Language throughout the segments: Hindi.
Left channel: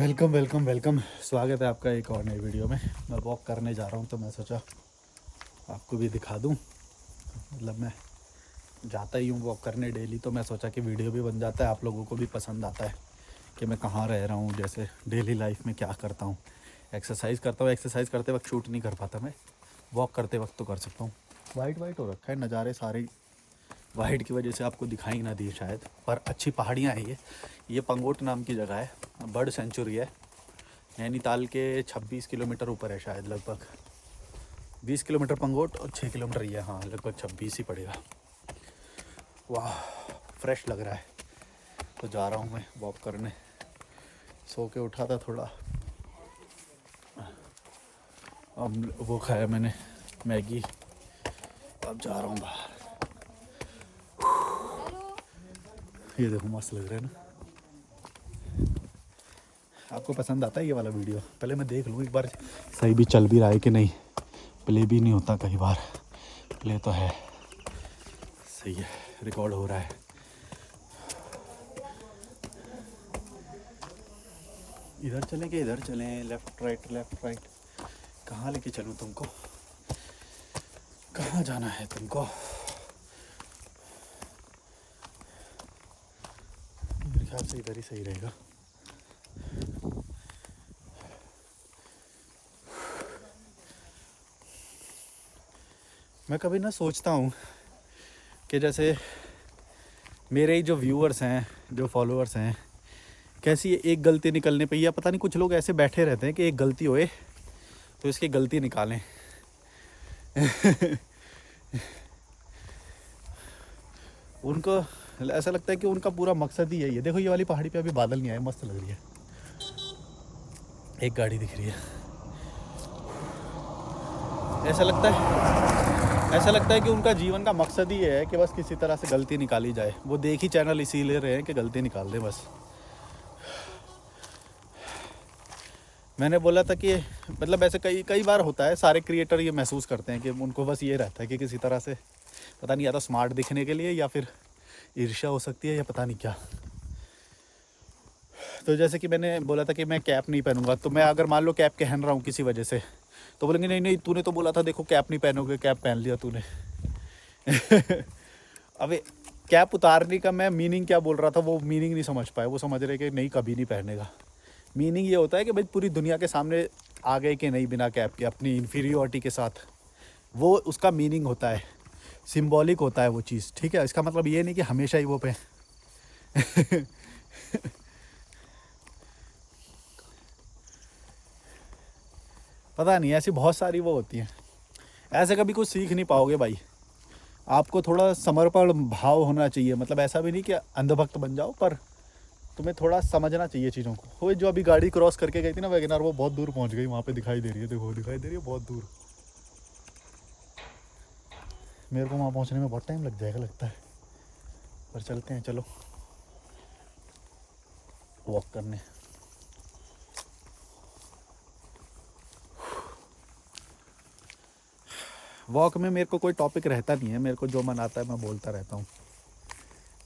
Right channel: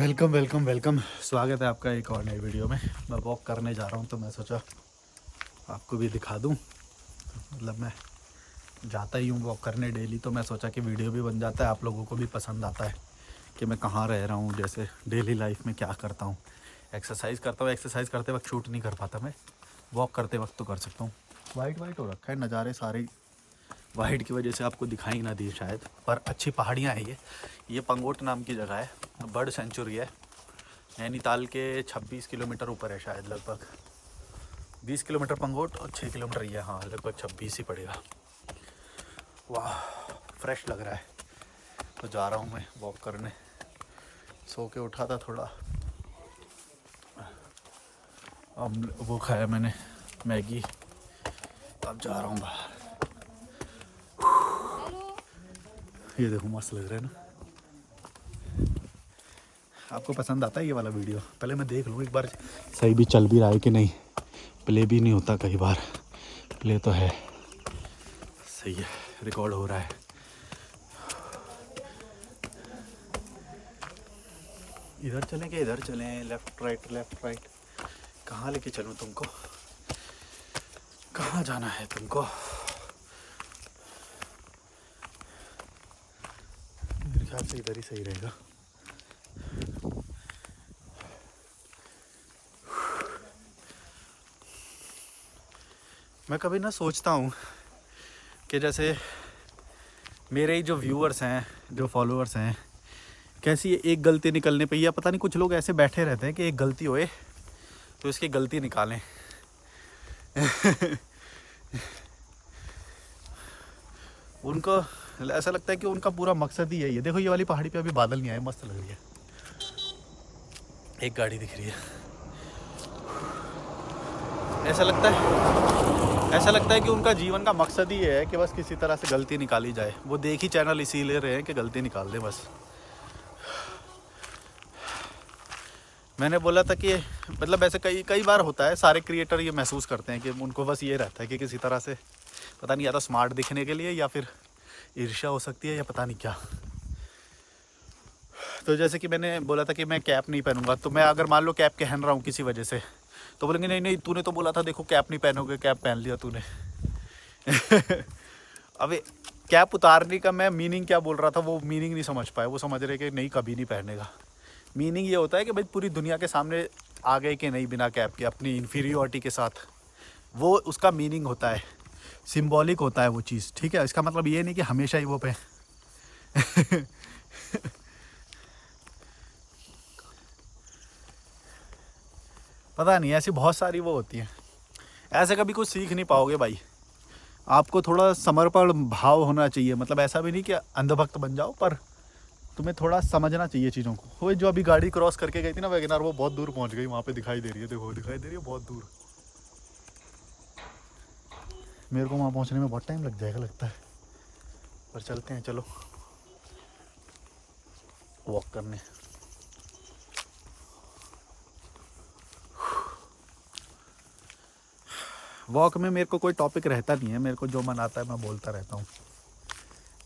Welcome welcome welcome. स्वागत है आपका एक और नई वीडियो में। मैं वॉक करने जा रहा हूँ तो मैं सोचा आपको भी दिखा दूँ। मतलब मैं जाता ही हूँ वॉक करने डेली, तो मैं सोचा कि वीडियो भी बन जाता है, आप लोगों को भी पसंद आता है कि मैं कहाँ रह रहा हूँ, जैसे डेली लाइफ में क्या करता हूँ। एक्सरसाइज करता हूँ, एक्सरसाइज करते वक्त शूट नहीं कर पाता मैं, वॉक करते वक्त तो कर सकता हूँ। वाइट वाइट हो रखा है, नज़ारे सारे वाइट की वजह से आपको दिखाई ना दिए शायद, पर अच्छी पहाड़ियाँ हैं ये पंगोट नाम की जगह है, बर्ड सेंचुरी है। नैनीताल के 26 किलोमीटर ऊपर है शायद, लगभग 20 किलोमीटर पंगोट और 6 किलोमीटर ये, हाँ लगभग 26 ही पड़ेगा। वाह फ्रेश लग रहा है, तो जा रहा हूँ मैं वॉक करने। सो के उठा था थोड़ा, अब वो खाया मैंने मैगी, अब जा रहा हूँ बाहर। ये देखो मस्त लग रहा है ना। आपको पसंद आता है ये वाला वीडियो? पहले मैं देख लूँ एक बार सही भी चल भी रहा है कि नहीं। प्ले भी नहीं होता कई बार, प्ले तो है, सही है, रिकॉर्ड हो रहा है। इधर चलें कि इधर चलें? लेफ्ट राइट, कहाँ लेके चलूँ तुमको? कहाँ जाना है तुमको? मेरे ख्याल से इधर ही सही रहेगा। मैं कभी ना सोचता हूँ कि जैसे मेरे ही जो व्यूअर्स हैं, जो फॉलोअर्स हैं, कैसी एक गलती निकलने पे, या पता नहीं कुछ लोग ऐसे बैठे रहते हैं कि एक गलती होए तो इसकी गलती निकालें। उनको ऐसा लगता है कि उनका पूरा मकसद ही यही है। देखो ये वाली पहाड़ी पे अभी बादल नहीं आए, मस्त लग रही है, एक गाड़ी दिख रही है। ऐसा लगता है कि उनका जीवन का मकसद ही है कि बस किसी तरह से गलती निकाली जाए। वो देख ही चैनल इसीलिए रहे हैं कि गलती निकाल दें बस। मैंने बोला था कि मतलब ऐसे कई कई बार होता है, सारे क्रिएटर ये महसूस करते हैं कि उनको बस ये रहता है कि किसी तरह से, पता नहीं या तो स्मार्ट दिखने के लिए या फिर ईर्ष्या हो सकती है या पता नहीं क्या। तो जैसे कि मैंने बोला था कि मैं कैप नहीं पहनूंगा, तो मैं अगर मान लो कैप पहन रहा हूँ किसी वजह से, तो बोलेंगे नहीं नहीं तूने तो बोला था, देखो कैप नहीं पहनोगे, कैप पहन लिया तूने। अबे कैप उतारने का मैं मीनिंग क्या बोल रहा था, वो मीनिंग नहीं समझ पाए। वो समझ रहे कि नहीं कभी नहीं पहनेगा। मीनिंग ये होता है कि भाई पूरी दुनिया के सामने आ गए कि नहीं बिना कैप के, अपनी इन्फीरियोरिटी के साथ, वो उसका मीनिंग होता है, सिंबॉलिक होता है वो चीज़, ठीक है। इसका मतलब ये नहीं कि हमेशा ही वो पे पता नहीं, ऐसी बहुत सारी वो होती है। ऐसे कभी कुछ सीख नहीं पाओगे भाई। आपको थोड़ा समर्पण भाव होना चाहिए, मतलब ऐसा भी नहीं कि अंधभक्त बन जाओ, पर तुम्हें थोड़ा समझना चाहिए चीज़ों को। वो जो अभी गाड़ी क्रॉस करके गई थी ना वैगनआर, वो बहुत दूर पहुंच गई, वहाँ पे दिखाई दे रही है, देखो दिखाई दे रही है बहुत दूर। मेरे को वहाँ पहुँचने में बहुत टाइम लग जाएगा लगता है, पर चलते हैं चलो वॉक करने। वॉक में मेरे को कोई टॉपिक रहता नहीं है, मेरे को जो मन आता है मैं बोलता रहता हूँ।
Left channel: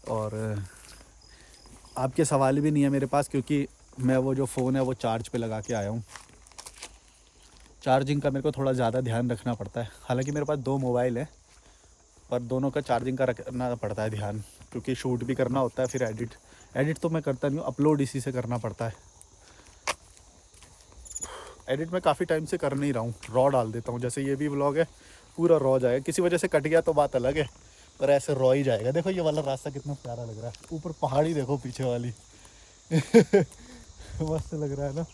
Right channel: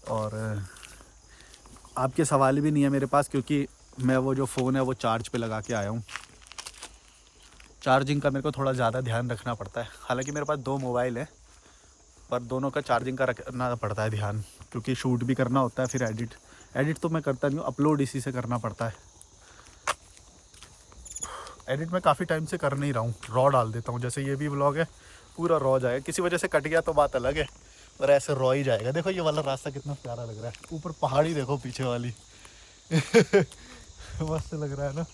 और आपके सवाल भी नहीं है मेरे पास, क्योंकि मैं वो जो फ़ोन है वो चार्ज पे लगा के आया हूँ। चार्जिंग का मेरे को थोड़ा ज़्यादा ध्यान रखना पड़ता है। हालांकि मेरे पास दो मोबाइल है, पर दोनों का चार्जिंग का रखना पड़ता है ध्यान, क्योंकि शूट भी करना होता है, फिर एडिट तो मैं करता नहीं हूँ, अपलोड इसी से करना पड़ता है। एडिट मैं काफ़ी टाइम से कर नहीं रहा हूँ, रॉ डाल देता हूँ। जैसे ये भी व्लॉग है, पूरा रॉ जाएगा, किसी वजह से कट गया तो बात अलग है, और ऐसे रॉ ही जाएगा। देखो ये वाला रास्ता कितना प्यारा लग रहा है, ऊपर पहाड़ी देखो पीछे वाली। मस्त लग रहा है ना।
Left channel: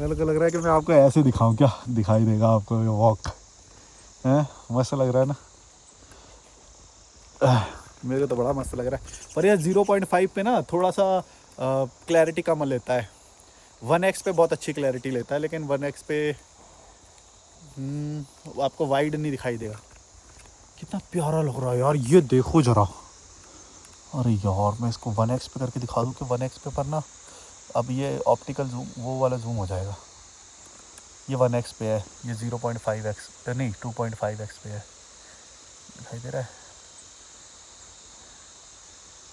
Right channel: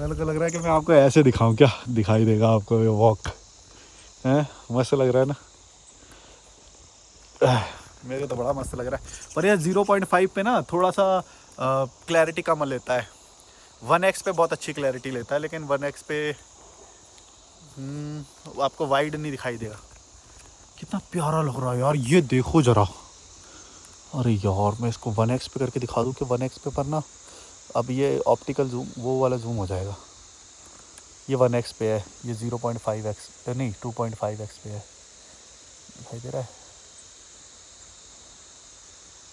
मेरे को लग रहा है कि मैं आपको ऐसे दिखाऊं, क्या दिखाई देगा आपको ये वॉक है? मस्त लग रहा है ना। मेरे को तो बड़ा मस्त लग रहा है। पर ये 0.5 पे ना थोड़ा सा क्लैरिटी कम लेता है। 1x पे बहुत अच्छी क्लैरिटी लेता है, लेकिन 1x पे आपको वाइड नहीं दिखाई देगा। कितना प्यारा लग रहा है यार, ये देखो जरा। अरे यार मैं इसको 1x पे करके दिखा दूँ कि 1x पे, पर ना अब ये ऑप्टिकल जूम वो वाला जूम हो जाएगा। ये 1x पे है, ये 0.5x नहीं 2.5x पे है, दिखाई दे रहा है?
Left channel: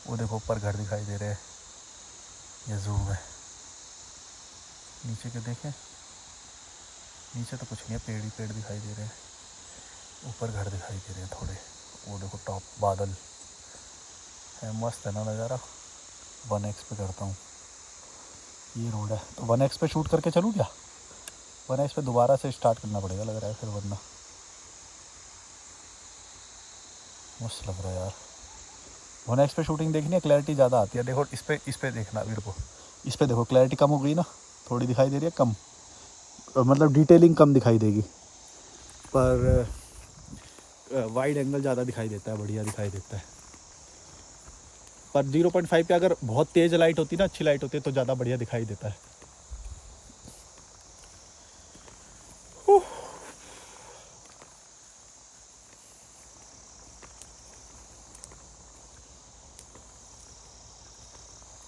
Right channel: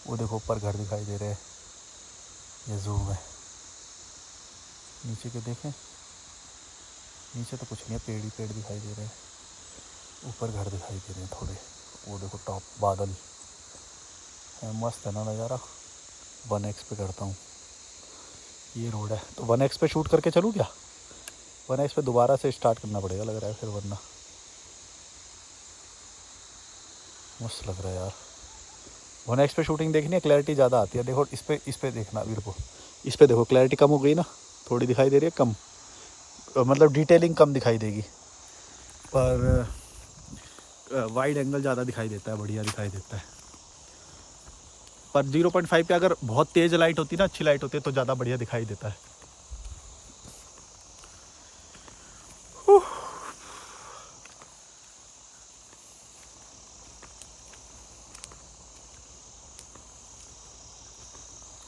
वो देखो ऊपर घर दिखाई दे रहे हैं, ये जूम है। नीचे के देखें, नीचे तो कुछ नहीं है, पेड़ ही पेड़ दिखाई दे रहे हैं। ऊपर घर दिखाई दे रहे हैं थोड़े, वो देखो टॉप बादल है, मस्त है ना नज़ारा। 1x पे करता हूँ, ये रोड है तो 1x पे शूट करके चलूँ क्या? 1x पे दोबारा से स्टार्ट करना पड़ेगा लग रहा है फिर, वरना मस्त लग रहा है यार। 1x पे शूटिंग देखनी है, क्लैरिटी ज़्यादा आती है। देखो इस पे देखना वीर को, इस पे देखो क्लैरिटी कम हो गई ना, थोड़ी दिखाई दे रही है कम, मतलब डिटेलिंग कम दिखाई देगी, पर वाइड एंगल ज़्यादा दिखाई देता है, बढ़िया दिखाई देता है। पर 0.5 पे अगर बहुत तेज़ लाइट होती है ना, अच्छी लाइट होती है तो ज़्यादा बढ़िया दिखाई देता है।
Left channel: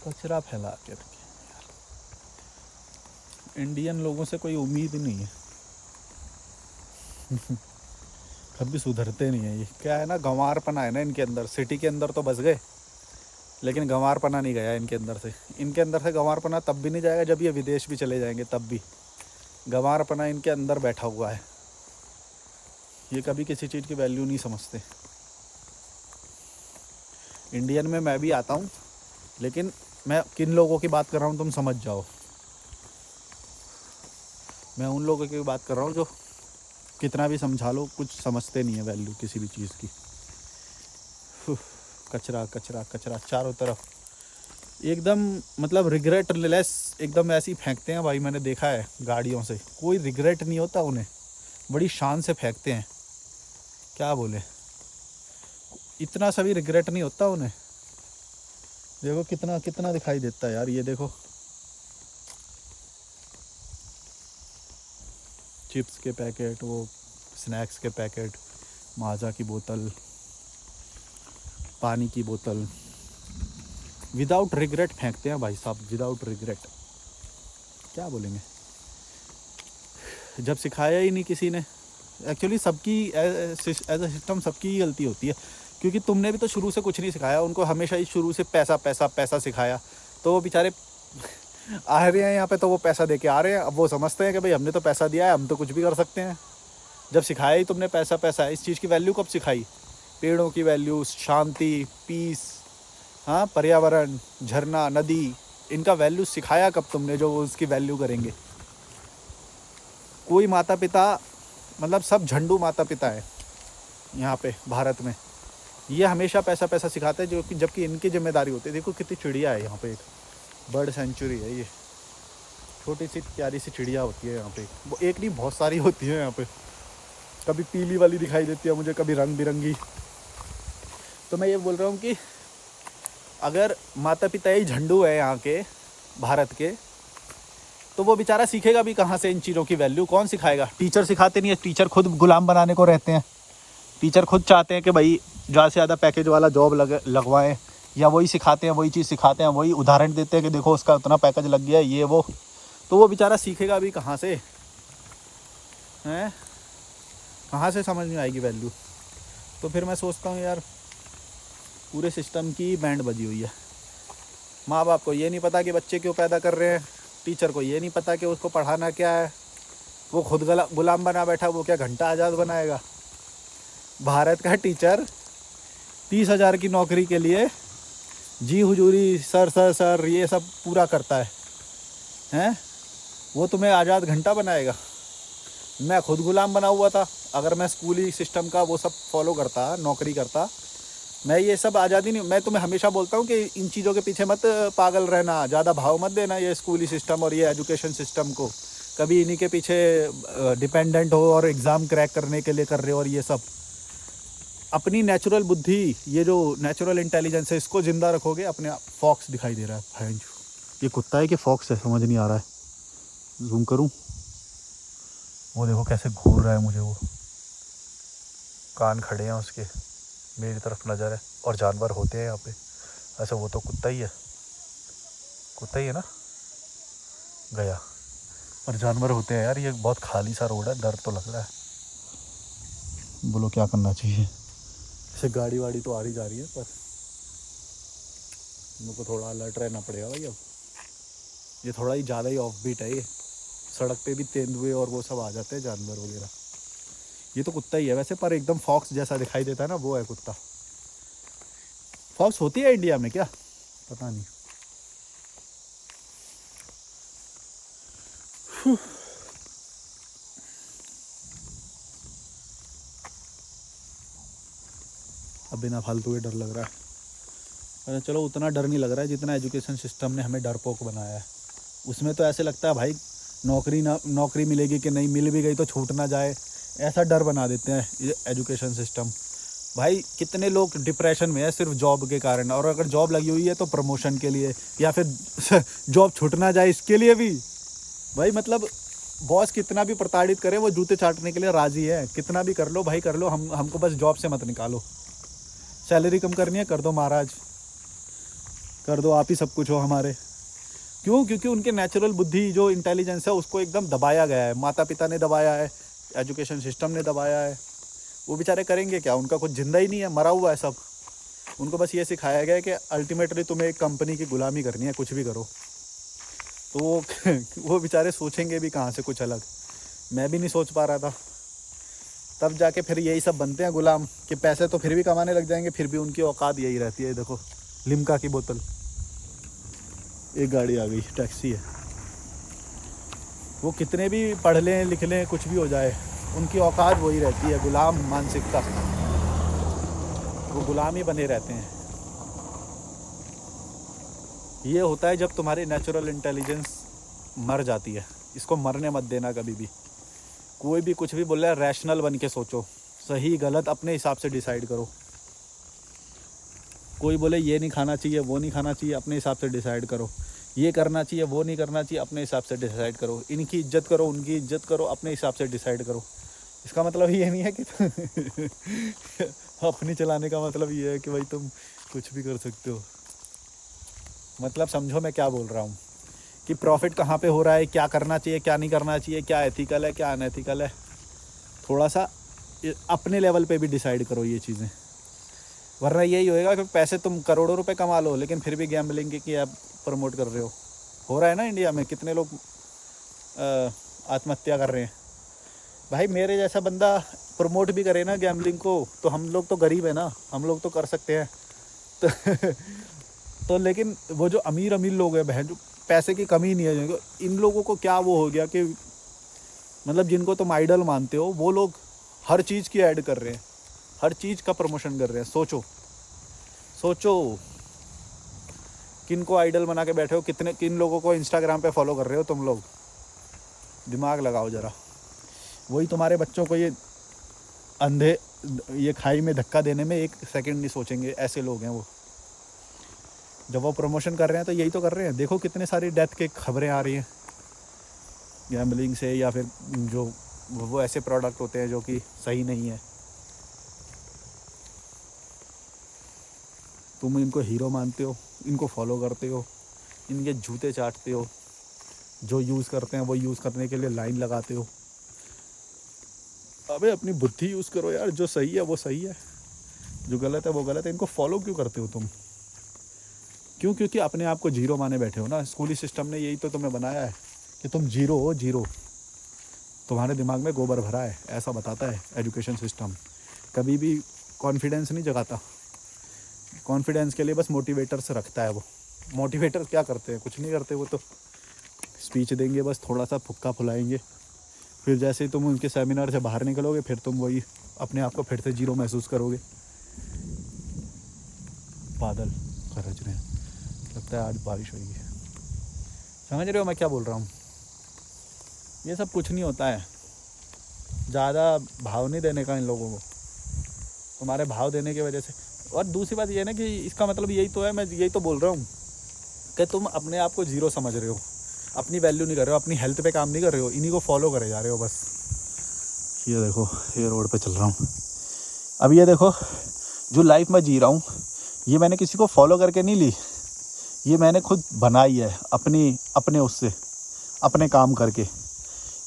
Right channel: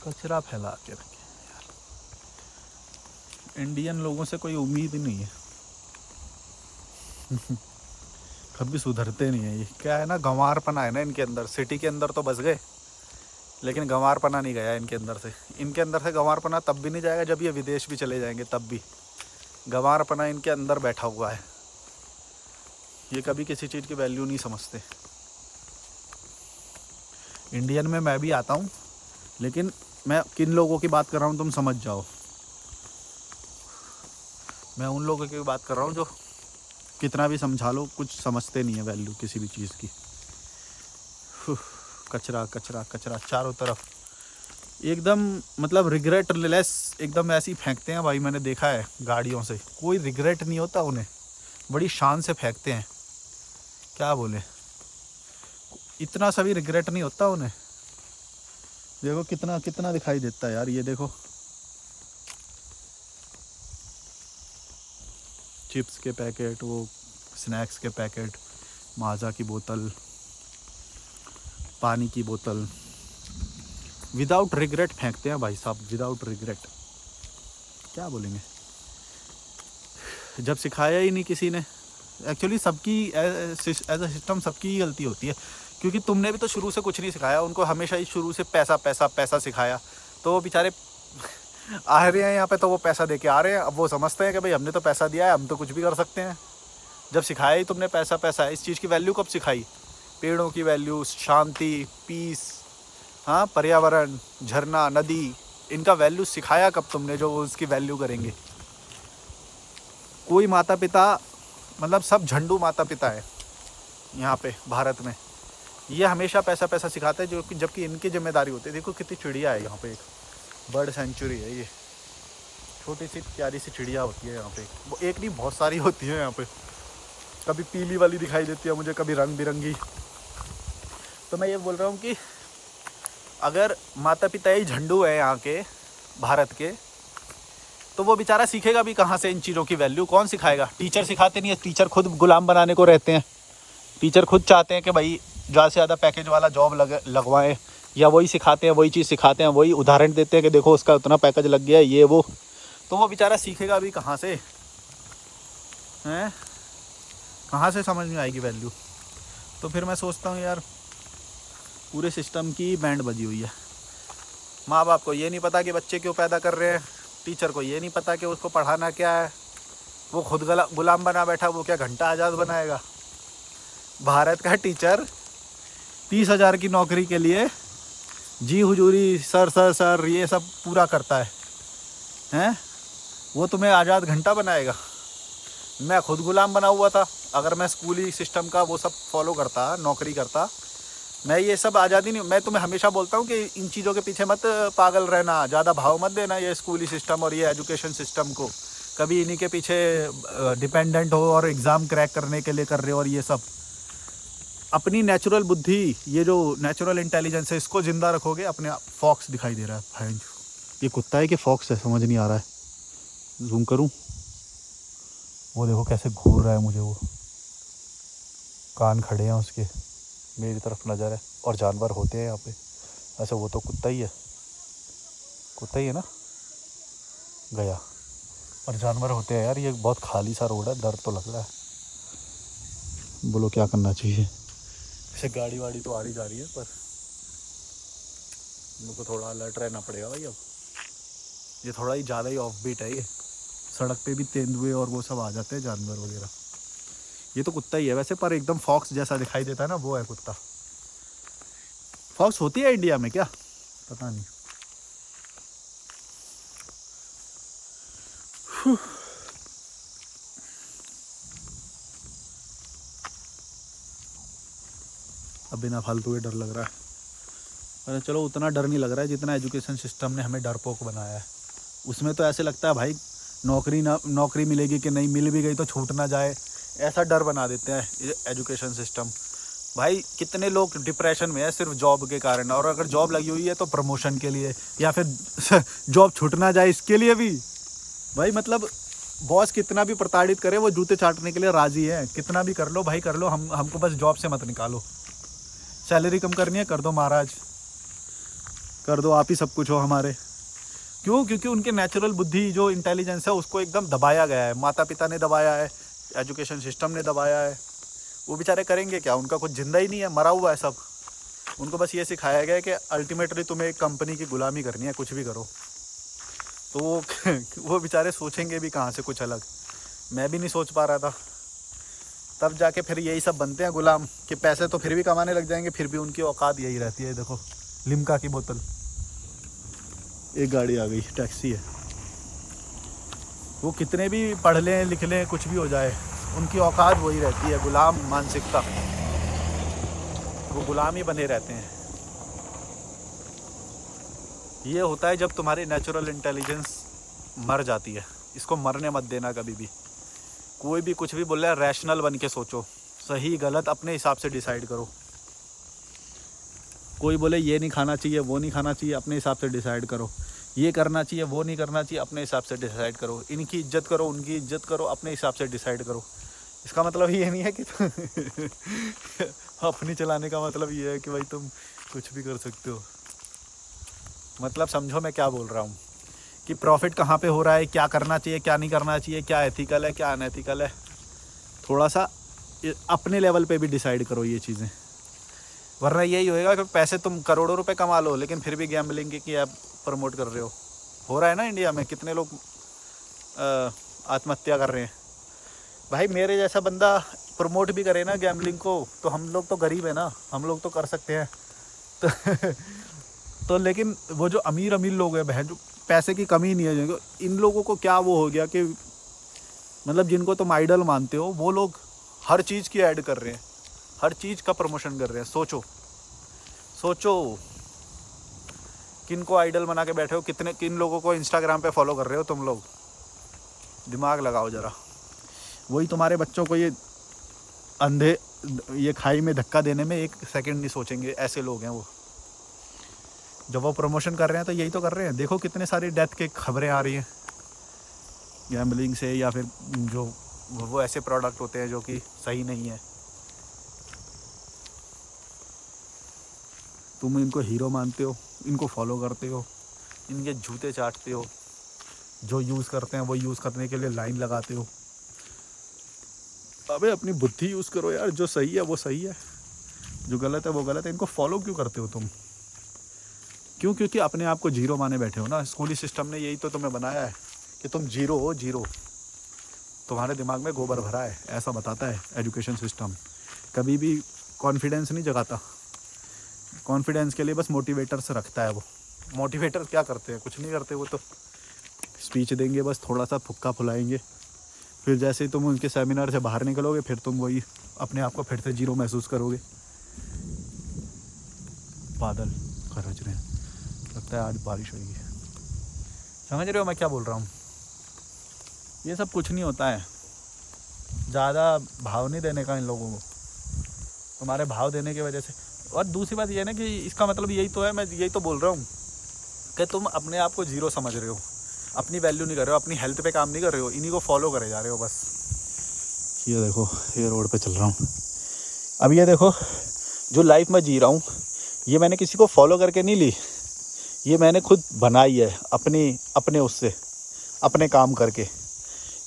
कचरा फैला के रखे यार, इंडियन लोगों से कोई उम्मीद ही नहीं है। कभी सुधरते नहीं है ये, क्या है ना, गंवारपना है ना इनके अंदर। सिटी के अंदर तो बस गए, लेकिन गंवारपना नहीं गया इनके अंदर से। इनके अंदर से गंवारपना तब भी नहीं जाएगा जब ये विदेश भी चले जाएंगे, तब भी गंवारपना इनके अंदर बैठा हुआ है। ये कभी किसी चीज़ की वैल्यू नहीं समझते। इंडियन में मैं भी आता हूँ, लेकिन मैं किन लोगों की बात कर रहा हूँ तुम समझ जाओ। मैं उन लोगों की बात कर रहा हूँ जो कितना भी समझा लो कुछ समझते नहीं है वैल्यू किसी भी चीज़ की। कचरा कचरा कचरा चारों तरफ, एकदम मतलब रिग्रेट लेस, एकदम ऐसे ही फेंकते हैं भाई। मैंने देखा है गाड़ियों से, कोई रिग्रेट नहीं होता उन्हें, बड़ी शान से फेंकते हैं। क्या बोले, इतना सा भी रिग्रेट नहीं होता उन्हें। देखो कितना कितना दिखाई देता है यार, ये देखो चिप्स के पैकेट, वो स्नैक्स के पैकेट, माजा की बोतल, पानी की बोतल, विदाउट रिग्रेट फेंकते हैं भाई साहब, विदाउट रिग्रेट। क्या बोलेंगे, जब सिखाया ही नहीं किसी ने। एक्चुअली सबकी एज अ सिस्टम सबकी ही गलती होती है, क्योंकि तुमने भी तो शुरू से कुछ नहीं सिखाया उनको, हमेशा ही शुरू से पैसा पैसा पैसा सिखाया। तो वो बेचारे आ रहे हैं यहाँ पे, तो वो पैसा दे के आ रहे हैं। अब वो समझते हैं कि भाई हमने तो पैसा दिया है, हम तो कुछ भी कर सकते हैं। जब सिखाया ही तुमने पैसा पैसा है, इस चीज़ की वैल्यू कब सिखाई? पेड़ों की वैल्यू, शांति, पीस, हाँ, पर्यावरण, झरना, नदी, इनका वैल्यू सिखाया कब तुमने जो वो उसकी वैल्यू करेंगे? कोई माता पिता, मतलब सब झंडू माता पिता है यहाँ पे भारत में, ये हमेशा पैसा पैसा सिखाते हैं, जो कि जबकि इनकी जिम्मेदारी होती है। देखो कितनी चिड़िया है यहाँ पे, एक बर्ड सेंचुरी है ये, छोटी सी प्यारी सी चिड़िया होती है यहाँ पे। वो एक नहीं बहुत सारी होती है यहाँ पे, कभी पीली वाली दिखाई देती है मुझे, कभी रंग बिरंगी। तो मैं ये बोल रहा हूँ कि अगर माता पिता ही झंडू है यहाँ के भारत के, तो वो बेचारा सीखेगा भी कहाँ से इन चीज़ों की वैल्यू? कौन सिखाएगा? टीचर सिखाते नहीं है, टीचर खुद गुलाम बनाने को रहते हैं। टीचर खुद चाहते हैं कि भाई ज़्यादा से ज़्यादा पैकेज वाला जॉब लगवाएं, या वही सिखाते हैं, वही चीज़ सिखाते हैं, वही उदाहरण देते हैं कि देखो उसका उतना पैकेज लग गया है, ये वो। तो वो बेचारा सीखेगा भी कहाँ से है? कहाँ से समझ में आएगी वैल्यू? तो फिर मैं सोचता हूँ यार, पूरे सिस्टम की बैंड बजी हुई है। माँ बाप को ये नहीं पता कि बच्चे क्यों पैदा कर रहे हैं, टीचर को ये नहीं पता कि उसको पढ़ाना क्या है, वो खुद गुलाम बना बैठा, वो क्या घंटा आज़ाद बनाएगा? भारत का टीचर 30,000 की नौकरी के लिए जी हुजूरी, सर सर सर ये सब पूरा करता है, हैं? वो तुम्हें आज़ाद घंटा बनाएगा? मैं खुद गुलाम बना हुआ था, अगर मैं स्कूली सिस्टम का वो सब फॉलो करता, नौकरी करता, मैं ये सब आज़ादी नहीं। मैं तुम्हें हमेशा बोलता हूँ कि इन चीज़ों के पीछे मत पागल रहना, ज़्यादा भाव मत देना ये स्कूली सिस्टम और ये एजुकेशन सिस्टम को। कभी इन्हीं के पीछे डिपेंडेंट हो और एग्ज़ाम क्रैक करने के लिए कर रहे हो, और ये सब अपनी नेचुरल बुद्धि, ये जो नेचुरल इंटेलिजेंस है, इसको ज़िंदा रखोगे अपने आप। फॉक्स दिखाई दे रहा है, ये कुत्ता है कि फॉक्स है समझ नहीं आ रहा है। जूम करूँ, वो देखो कैसे घूर रहा है मुझे, वो कान खड़े हैं उसके, मेरी तरफ नज़र है, और जानवर होते हैं यहाँ पे। ऐसा वो तो कुत्ता ही है, कुत्ता ही है ना, गया। और जानवर होते हैं यार। ये बहुत खाली सा रोड है, डर तो लग रहा है। बोलो क्या करना चाहिए? ऐसे गाड़ी वाड़ी तो आ रही जा रही है, पर मेरे को थोड़ा अलर्ट रहना पड़ेगा भाई। अब ये थोड़ा ही ज़्यादा ही ऑफ बीट है ये। सड़क पे भी तेंदुए और वो सब आ जाते हैं, जानवर वगैरह। ये तो कुत्ता ही है वैसे, पर एकदम फॉक्स जैसा दिखाई देता है ना, वो है कुत्ता। फॉक्स होती है इंडिया में क्या, पता नहीं। अब बिना फालतू के डर लग रहा है। अरे चलो उतना डर नहीं लग रहा है जितना एजुकेशन सिस्टम ने हमें डरपोक बनाया है। उसमें तो ऐसे लगता है भाई नौकरी मिलेगी कि नहीं, मिल भी गई तो छूट ना जाए, ऐसा डर बना देते हैं ये एजुकेशन सिस्टम। भाई कितने लोग डिप्रेशन में है सिर्फ जॉब के कारण, और अगर जॉब लगी हुई है तो प्रमोशन के लिए, या फिर जॉब छूट ना जाए इसके लिए भी। भाई मतलब बॉस कितना भी प्रताड़ित करे वो जूते चाटने के लिए राजी है। कितना भी कर लो भाई कर लो, हमको बस जॉब से मत निकालो। सैलरी कम करनी है कर दो महाराज, कर दो, आप ही सब कुछ हो हमारे। क्यों? क्योंकि उनके नेचुरल बुद्धि जो इंटेलिजेंस है उसको एकदम दबाया गया है, माता पिता ने दबाया है, एजुकेशन सिस्टम ने दबाया है। वो बेचारे करेंगे क्या, उनका कुछ जिंदा ही नहीं है, मरा हुआ है सब। उनको बस ये सिखाया गया है कि अल्टीमेटली तुम्हें एक कंपनी की गुलामी करनी है, कुछ भी करो। तो वो बेचारे सोचेंगे भी कहाँ से कुछ अलग। मैं भी नहीं सोच पा रहा था, तब जाके फिर यही सब बनते हैं गुलाम, कि पैसे तो फिर भी कमाने लग जाएंगे, फिर भी उनकी औकात यही रहती है। देखो लिम्का की बोतल, एक गाड़ी आ गई, टैक्सी है। वो कितने भी पढ़ लें लिख लें कुछ भी हो जाए, उनकी औकात वही रहती है, गुलाम मानसिकता। वो गुलाम ही बने रहते हैं। ये होता है जब तुम्हारी नेचुरल इंटेलिजेंस मर जाती है। इसको मरने मत देना कभी भी। कोई भी कुछ भी बोल रहा है, रैशनल बन के सोचो, सही गलत अपने हिसाब से डिसाइड करो। कोई बोले ये नहीं खाना चाहिए वो नहीं खाना चाहिए, अपने हिसाब से डिसाइड करो। ये करना चाहिए वो नहीं करना चाहिए, अपने हिसाब से डिसाइड करो। इनकी इज्जत करो उनकी इज्जत करो, अपने हिसाब से डिसाइड करो। इसका मतलब ये नहीं है कि अपनी चलाने का मतलब ये है कि भाई तुम कुछ भी कर सकते हो। मतलब समझो मैं क्या बोल रहा हूँ, कि प्रॉफिट कहाँ पे हो रहा है, क्या करना चाहिए क्या नहीं करना चाहिए, क्या एथिकल है क्या अनएथिकल है। थोड़ा सा अपने लेवल पे भी डिसाइड करो ये चीज़ें, वरना यही होएगा कि पैसे तुम करोड़ों रुपए कमा लो लेकिन फिर भी गैम्बलिंग की ऐप प्रमोट कर रहे हो रहा है ना इंडिया में। कितने लोग आत्महत्या कर रहे हैं। भाई मेरे जैसा बंदा प्रमोट भी करे ना गैम्बलिंग को, तो हम लोग तो गरीब है ना, हम लोग तो कर सकते हैं। तो लेकिन वो जो अमीर लोग हैं बहन, जो पैसे की कमी नहीं है, इन लोगों को क्या वो हो गया कि मतलब जिनको तुम आइडल मानते हो वो लोग हर चीज़ की ऐड कर रहे हैं, हर चीज़ का प्रमोशन कर रहे हैं। सोचो किन को आइडल बना के बैठे हो, किन लोगों को इंस्टाग्राम पे फॉलो कर रहे हो तुम लोग। दिमाग लगाओ ज़रा। वही तुम्हारे बच्चों को ये खाई में धक्का देने में एक सेकंड नहीं सोचेंगे, ऐसे लोग हैं वो। जब वो प्रमोशन कर रहे हैं तो यही तो कर रहे हैं। देखो कितने सारी डेथ के खबरें आ रही हैं गैम्बलिंग से, या फिर जो वो ऐसे प्रोडक्ट होते हैं जो कि सही नहीं है। तुम इनको हीरो मानते हो, इनको फॉलो करते हो, इनके जूते चाटते हो, जो यूज़ करते हैं वो यूज़ करने के लिए लाइन लगाते हो। अबे अपनी बुद्धि यूज़ करो यार, जो सही है वो सही है, जो गलत है वो गलत है। इनको फॉलो क्यों करते हो तुम? क्यों? क्योंकि अपने आप को जीरो माने बैठे हो ना। स्कूली सिस्टम ने यही तो तुम्हें बनाया है कि तुम जीरो हो, जीरो। तुम्हारे दिमाग में गोबर भरा है, ऐसा बताता है एजुकेशन सिस्टम। कभी भी कॉन्फिडेंस नहीं जगाता। कॉन्फिडेंस के लिए बस मोटिवेटर्स रखता है वो। मोटिवेटर क्या करते हैं? कुछ नहीं करते। वो तो स्पीच देंगे, बस थोड़ा सा फुक्का फुलाएंगे, फिर जैसे ही तुम उनके सेमिनार से बाहर निकलोगे फिर तुम वही अपने आप को फिर से जीरो महसूस करोगे। बादल गरज रहे हैं, लगता है आज बारिश होगी। समझ रहे हो मैं क्या बोल रहा हूँ? ये सब कुछ नहीं होता है। ज़्यादा भाव नहीं देने का इन लोगों को, तुम्हारे भाव देने की वजह से। और दूसरी बात ये है ना कि इसका मतलब यही तो है, मैं यही तो बोल रहा हूँ कि तुम अपने आप को जीरो समझ रहे हो, अपनी वैल्यू नहीं कर रहे हो, अपनी हेल्थ पे काम नहीं कर रहे हो, इन्हीं को फॉलो करे जा रहे हो बस। ये देखो ये रोड पे चल रहा हूँ। अब ये देखो जो लाइफ में जी रहा हूँ ये मैंने किसी को फॉलो करके नहीं ली, ये मैंने खुद बनाई है अपने उससे, अपने काम करके।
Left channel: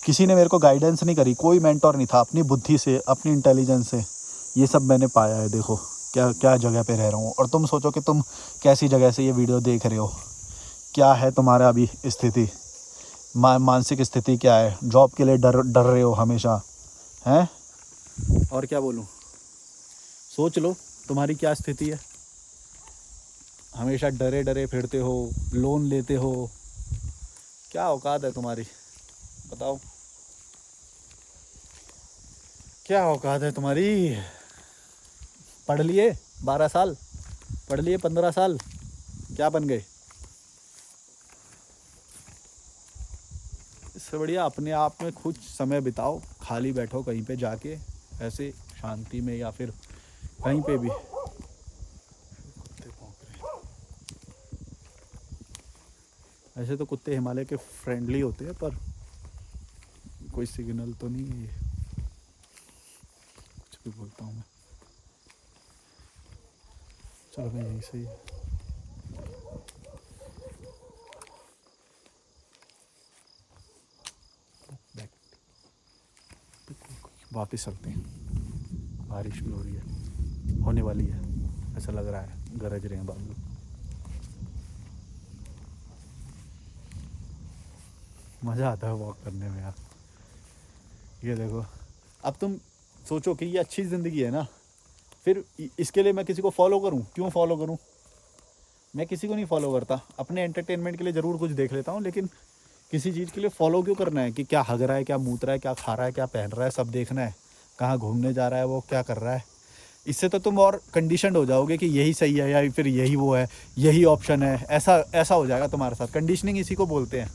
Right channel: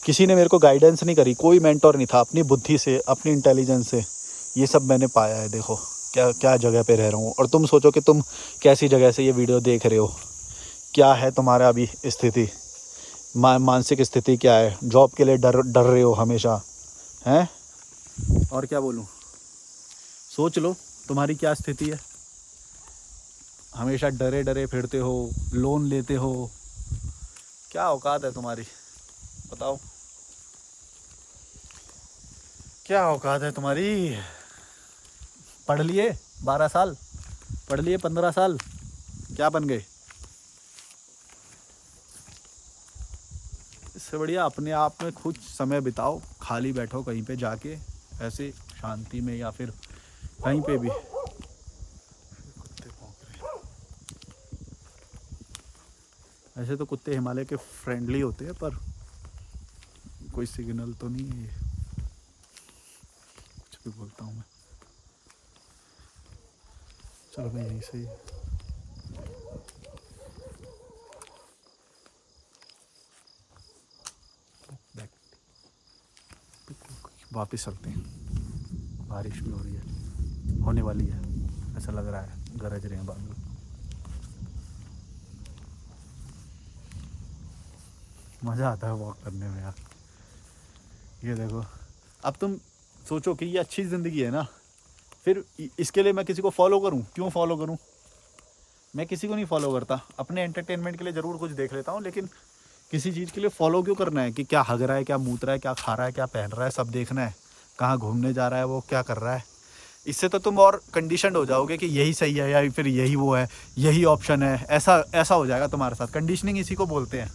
किसी ने मेरे को गाइडेंस नहीं करी, कोई मेंटोर नहीं था। अपनी बुद्धि से, अपनी इंटेलिजेंस से ये सब मैंने पाया है। देखो क्या क्या जगह पे रह रहा हूँ। और तुम सोचो कि तुम कैसी जगह से ये वीडियो देख रहे हो, क्या है तुम्हारा अभी स्थिति। मानसिक स्थिति क्या है, जॉब के लिए डर डर रहे हो हमेशा, हैं? और क्या बोलूँ, सोच लो तुम्हारी क्या स्थिति है। हमेशा डरे डरे फिरते हो, लोन लेते हो, क्या औकात है तुम्हारी, बताओ क्या औकात है तुम्हारी। पढ़ लिए 12 साल, पढ़ लिए 15 साल, क्या बन गए? इससे बढ़िया अपने आप में कुछ समय बिताओ, खाली बैठो कहीं पे जाके ऐसे शांति में, या फिर कहीं पे भी। कुत्ते भौंक रहे हैं। ऐसे तो कुत्ते हिमालय के फ्रेंडली होते हैं, पर कोई सिग्नल तो नहीं है ये, कुछ भी बोलता हूँ मैं। चलो मैं यहीं से ही वापस चलते हैं। बारिश भी हो रही है, होने वाली है, ऐसा लग रहा है, गरज रहे हैं बादल। मज़ा आता है वॉक करने में यार। ये देखो, अब तुम सोचो कि ये अच्छी ज़िंदगी है ना, फिर इसके लिए मैं किसी को फॉलो करूं? क्यों फॉलो करूं? मैं किसी को नहीं फॉलो करता, अपने एंटरटेनमेंट के लिए ज़रूर कुछ देख लेता हूं, लेकिन किसी चीज़ के लिए फॉलो क्यों करना है? कि क्या हग रहा है, क्या मूत रहा है, क्या खा रहा है, क्या पहन रहा है, सब देखना है। कहाँ घूमने जा रहा है, वो क्या कर रहा है। इससे तो तुम और कंडीशन हो जाओगे कि यही सही है या फिर यही वो है, यही ऑप्शन है। ऐसा हो जाएगा तुम्हारे साथ। कंडीशनिंग इसी को बोलते हैं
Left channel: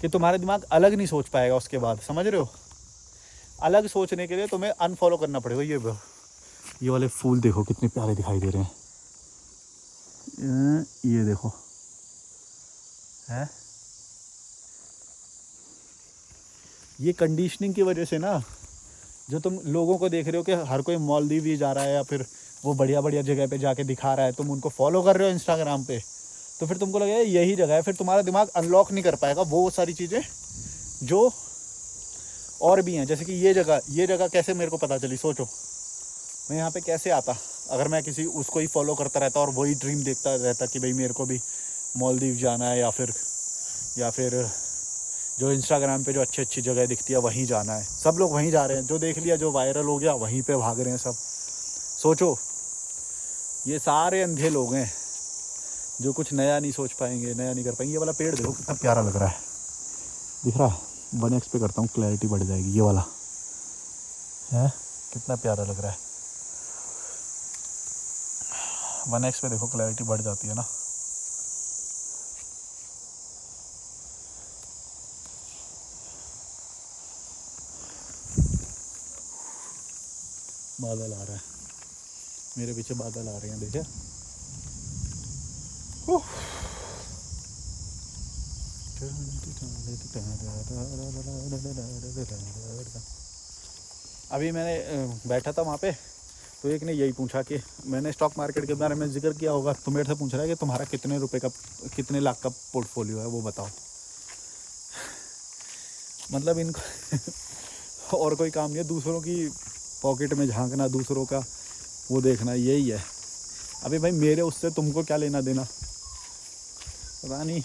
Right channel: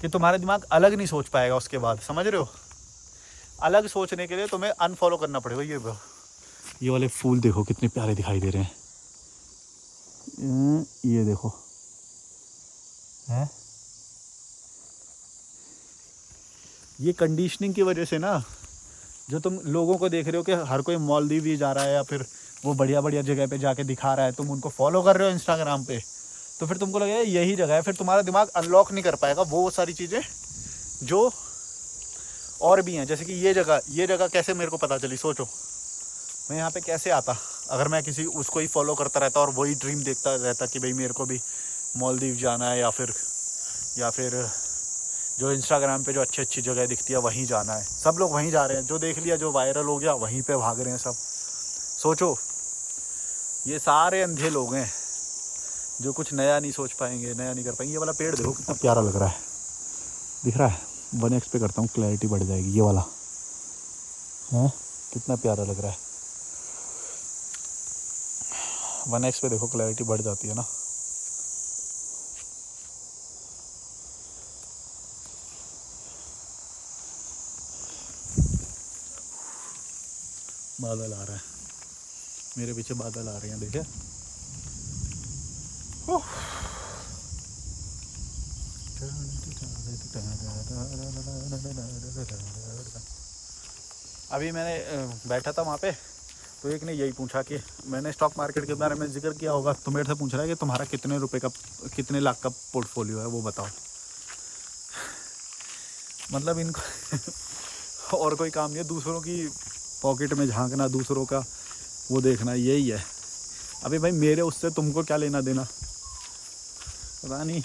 कि तुम्हारा दिमाग अलग नहीं सोच पाएगा उसके बाद, समझ रहे हो? अलग सोचने के लिए तुम्हें अनफॉलो करना पड़ेगा। ये वाले फूल देखो कितने प्यारे दिखाई दे रहे हैं, ये देखो हैं? ये कंडीशनिंग की वजह से ना, जो तुम लोगों को देख रहे हो कि हर कोई मालदीव ही जा रहा है या फिर वो बढ़िया बढ़िया जगह पे जाके दिखा रहा है, तुम उनको फॉलो कर रहे हो इंस्टाग्राम पे, तो फिर तुमको लगेगा यही जगह है। फिर तुम्हारा दिमाग अनलॉक नहीं कर पाएगा वो सारी चीज़ें जो और भी हैं। जैसे कि ये जगह कैसे मेरे को पता चली, सोचो मैं यहाँ पे कैसे आता अगर मैं किसी उसको ही फॉलो करता रहता और वही ड्रीम देखता रहता कि भाई मेरे को भी मालदीव जाना है, या फिर जो इंस्टाग्राम पे जो अच्छी अच्छी जगह दिखती है वहीं जाना है। सब लोग वहीं जा रहे हैं, जो देख लिया, जो वायरल हो गया वहीं पे भाग रहे हैं सब। सोचो ये सारे अंधे लोग हैं जो कुछ नया नहीं सोच पाएंगे, नया नहीं कर पाएंगे। ये वाला पेड़ देखो कितना प्यारा लग रहा है, दिख रहा है? 1x पे करता हूँ, क्लैरिटी बढ़ जाएगी। ये वाला है कितना प्यारा लग रहा है। 1x पे देखो क्लैरिटी बढ़ जाती है ना। बादल आ रहे हैं, मेरे पीछे बादल आ रहे हैं, देखे? अभी मैंने बैठा था वहाँ पे, तो एक ने यही पूछा कि मैंने स्टॉक मार्केट के बारे में जिक्र किया होगा, तो मेरे से पूछ रहा है कि तुम्हारा कितने लाख का पोर्टफोलियो है, वो बताओ। मतलब इनको और कोई काम नहीं है, दूसरों की पॉकेट में झांकना, दूसरों का वो देखना, यही है। अबे भाई मेरे उससे तुमको क्या लेना देना, पता नहीं।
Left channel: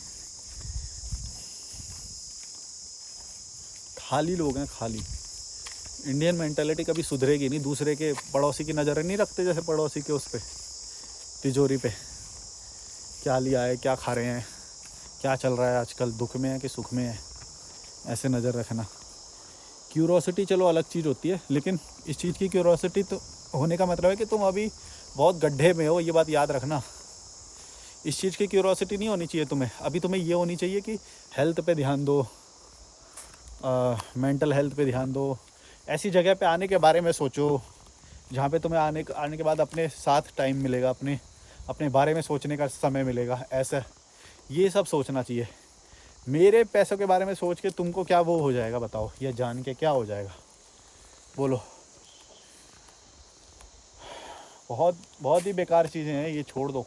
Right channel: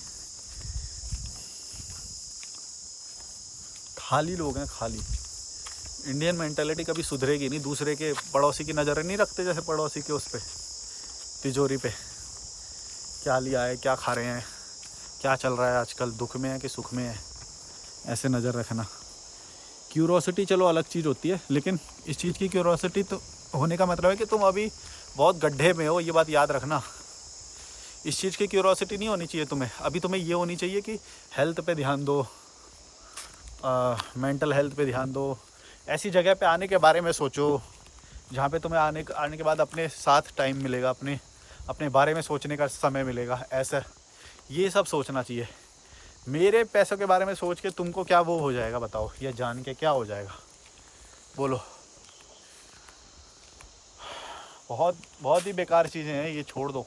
खाली लोग हैं, खाली। इंडियन मेंटालिटी कभी सुधरेगी नहीं। दूसरे के पड़ोसी की नज़र नहीं रखते, जैसे पड़ोसी के उस पे तिजोरी पे क्या लिया है, क्या खा रहे हैं, क्या चल रहा है आजकल, दुख में है कि सुख में है, ऐसे नज़र रखना। क्यूरोसिटी चलो अलग चीज़ होती है, लेकिन इस चीज़ की क्यूरोसिटी तो होने का मतलब है कि तुम अभी बहुत गड्ढे में हो, ये बात याद रखना। इस चीज़ की क्यूरोसिटी नहीं होनी चाहिए तुम्हें। अभी तुम्हें ये होनी चाहिए कि हेल्थ पे ध्यान दो, मेंटल हेल्थ पे ध्यान दो। ऐसी जगह पे आने के बारे में सोचो जहाँ पे तुम्हें आने के बाद अपने साथ टाइम मिलेगा, अपने बारे में सोचने का समय मिलेगा। ऐसा ये सब सोचना चाहिए। मेरे पैसों के बारे में सोच के तुमको क्या वो हो जाएगा बताओ, या जान के क्या हो जाएगा, बोलो? बहुत बहुत ही बेकार चीज़ें हैं ये, छोड़ दो।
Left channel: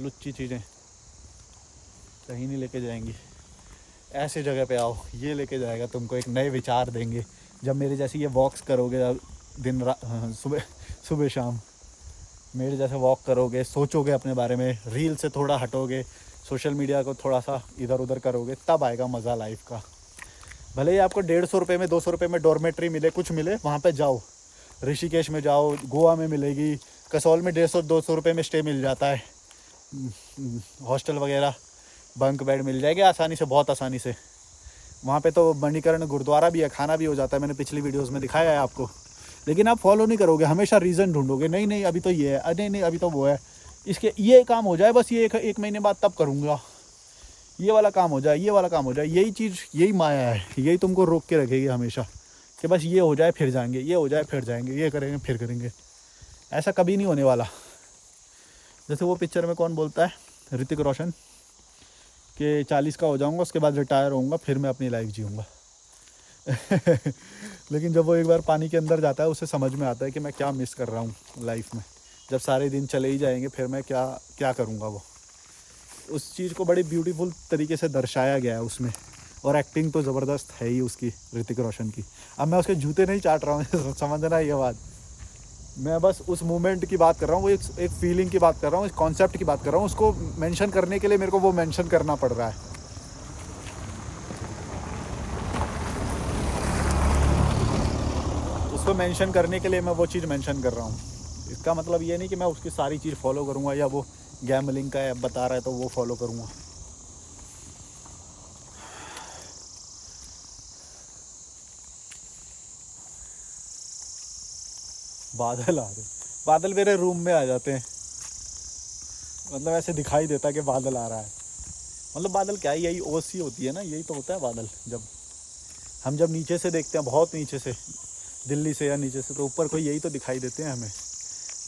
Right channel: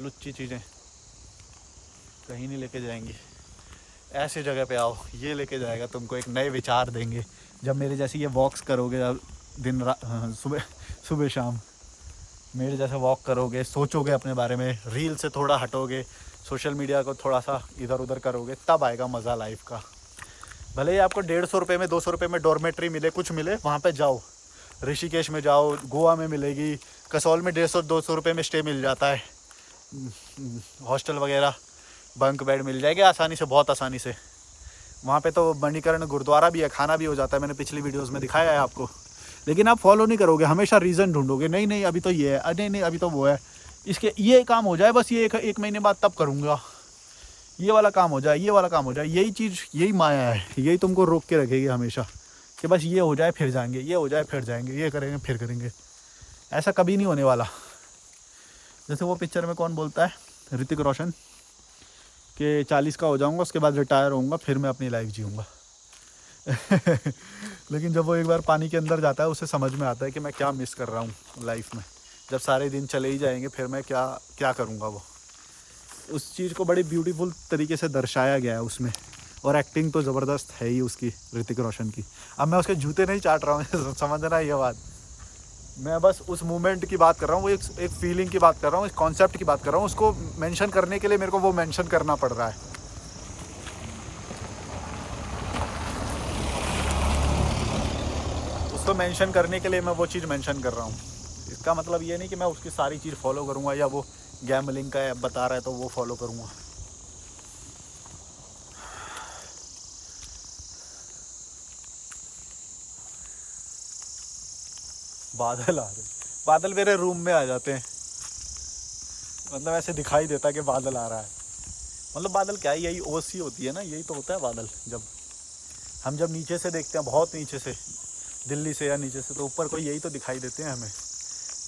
लुच्ची चीज़ें कहीं नहीं लेके जाएंगी। ऐसे जगह पे आओ, ये लेके जाएगा तुमको, एक नए विचार देंगे। जब मेरे जैसे ये वॉक्स करोगे दिन रात, सुबह शाम मेरे जैसे वॉक करोगे, सोचोगे अपने बारे में, रील से थोड़ा हटोगे, सोशल मीडिया को थोड़ा सा इधर उधर करोगे तब आएगा मज़ा लाइफ का। भले ही आपको 150 रुपये में 200 रुपये में डॉर्मेट्री मिले, कुछ मिले, वहाँ पे जाओ। ऋषिकेश में जाओ, गोवा में मिलेगी, कसौल में 150-200 रुपये में स्टे मिल जाता है, हॉस्टल वगैरह बंक बेड मिल जाएगी आसानी से, बहुत आसानी से। वहाँ पे तो मणिकर्ण गुरुद्वारा भी है, खाना भी हो जाता है, मैंने पिछली वीडियोस में दिखाया है आपको। लेकिन आप फॉलो नहीं करोगे, हमेशा रीज़न ढूंढोगे, नहीं नहीं अभी तो ये है, अरे नहीं अभी तो वो है, इसके ये काम हो जाए बस, ये एक महीने बाद तब करूँगा, ये वाला काम हो जाए, ये वाला काम हो जाए। यही चीज़, यही माया है, यही तुमको रोक के रखेगी हमेशा कि बस ये हो जाए फिर जाएंगे, ये हो जाए फिर जाएंगे, ये करेंगे फिर करेंगे। ऐसा कभी नहीं होने वाला। जैसे वो पिक्चर में कौन बोलता है, ऋतिक रोशन, कि 40 का हो जाऊंगा उसके बाद रिटायर होऊंगा, फिर मैं अपनी लाइफ जीऊँगा। लेकिन जब वो एक बार पानी के अंदर जाता है उसे समझ में आता है कि मैं क्या मिस कर रहा हूँ लाइफ में। जब सारे दिन चले ही जाएंगे फिर मैं क्या क्या करूँगा। वो उस चीज़ को बड़ी ब्यूटीफुल तरीके से दर्शाया गया है उसमें, और एक्टिंग तो ज़बरदस्त है ही उसकी, ऋतिक रोशन की। अब मैं उसके जूते नहीं चाट रहा हूँ समझना ये बात, मैं बस उस मोमेंट की बात कर रहा हूँ, वो एक फीलिंग की बात कर रहा हूँ, इस कॉन्सेप्ट की बात कर रहा हूँ। उसको मेंशन करने के लिए मेरे को वो मेंशन करना पड़ रहा है। उसको मेंशन करने के लिए मैं वो चीज़ मेंशन कर रहा हूँ। इसका मतलब ये नहीं कि मैं उसकी सारी चीज़ फॉलो करूँगा, या वो गैम्बलिंग का ऐप बता रहा है तो वो फॉलो करूँगा। बादल आ रहे, बादल मेरे रूम में आ जाते हैं, मतलब ऐसे दिखाई देता है कि बादल आ रहा है। मतलब बादल क्या है, यही ओसी होती है ना, यही तो होता है बादल। जब नीचे से देखते हैं, बहुत नीचे से, दिल्ली से या नीचे से, तो ऊपर कोई यही तो दिखाई देते हैं हमें।